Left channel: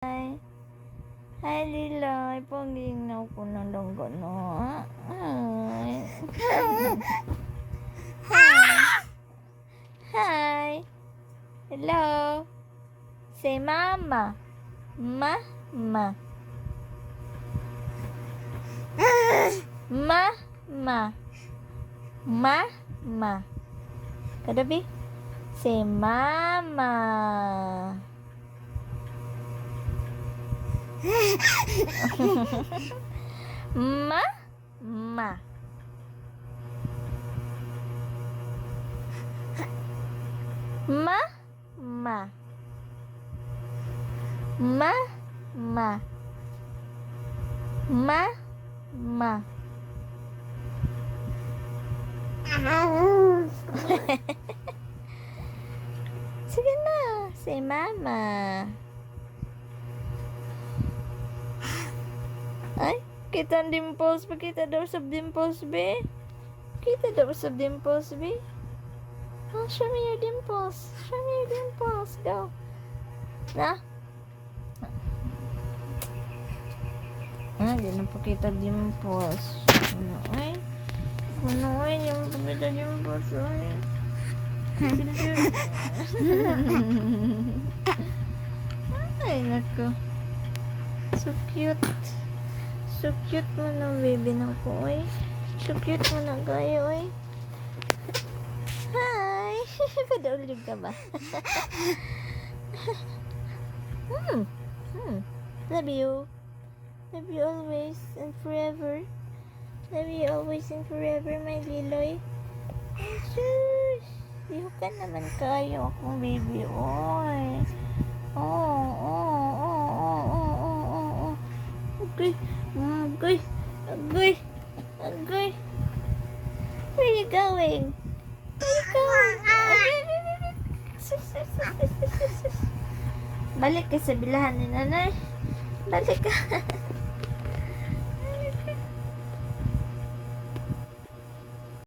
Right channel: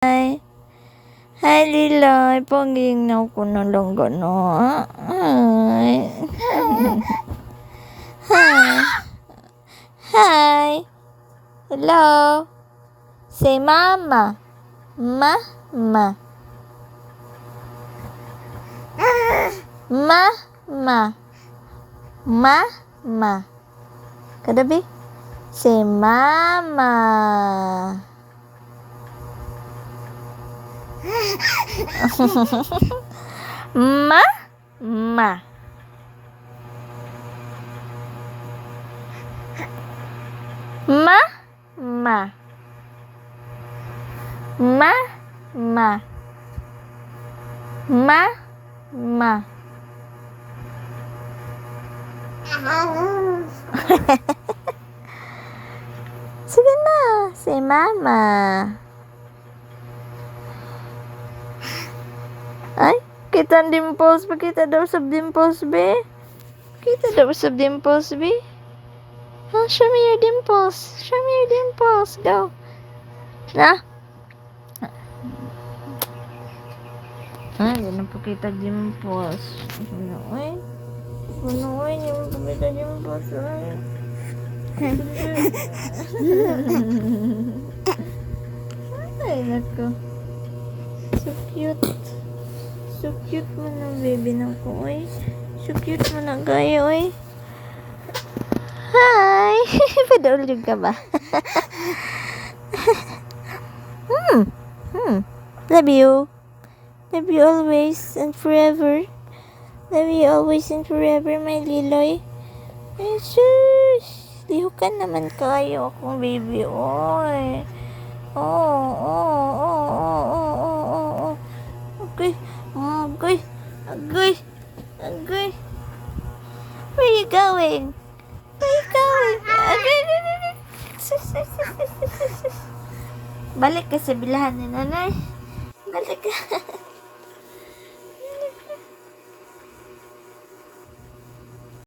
Hi. Hi, Liloy. Pagiging ko na lang gano'n. Hi. Hi. Hi. Hello. Say mama. Mama. Mama. Mama. Kadabi? Say mama. Ma. Ma. Ma. Ma. Ma. Ma. Ma. Ma. Sige na, say mama. Ay, kita ang dimples. Pakita daw sa dimples, be. Kita daw sa dimples, be. Oh, show me your dimples. Show me your dimples. Go. Na? Hindi na pakita dimples. Ano, ay? Ano, ay? Hindi mo pakita dimples, ay. Ay, nako. So cute. So cute mo na, baby na ko, oy. So cute mo na, gaya, oy. Hi! Padaulig ka ba? Love you. Love you always and forever. Love you always and forever, my Liloy. Jesus! Lihukan naman kayo akong baby, oy. Oh. Okay. Agoy. Where you going? Agoy. Balik ka sa bilahan ni nanay. Balik ka.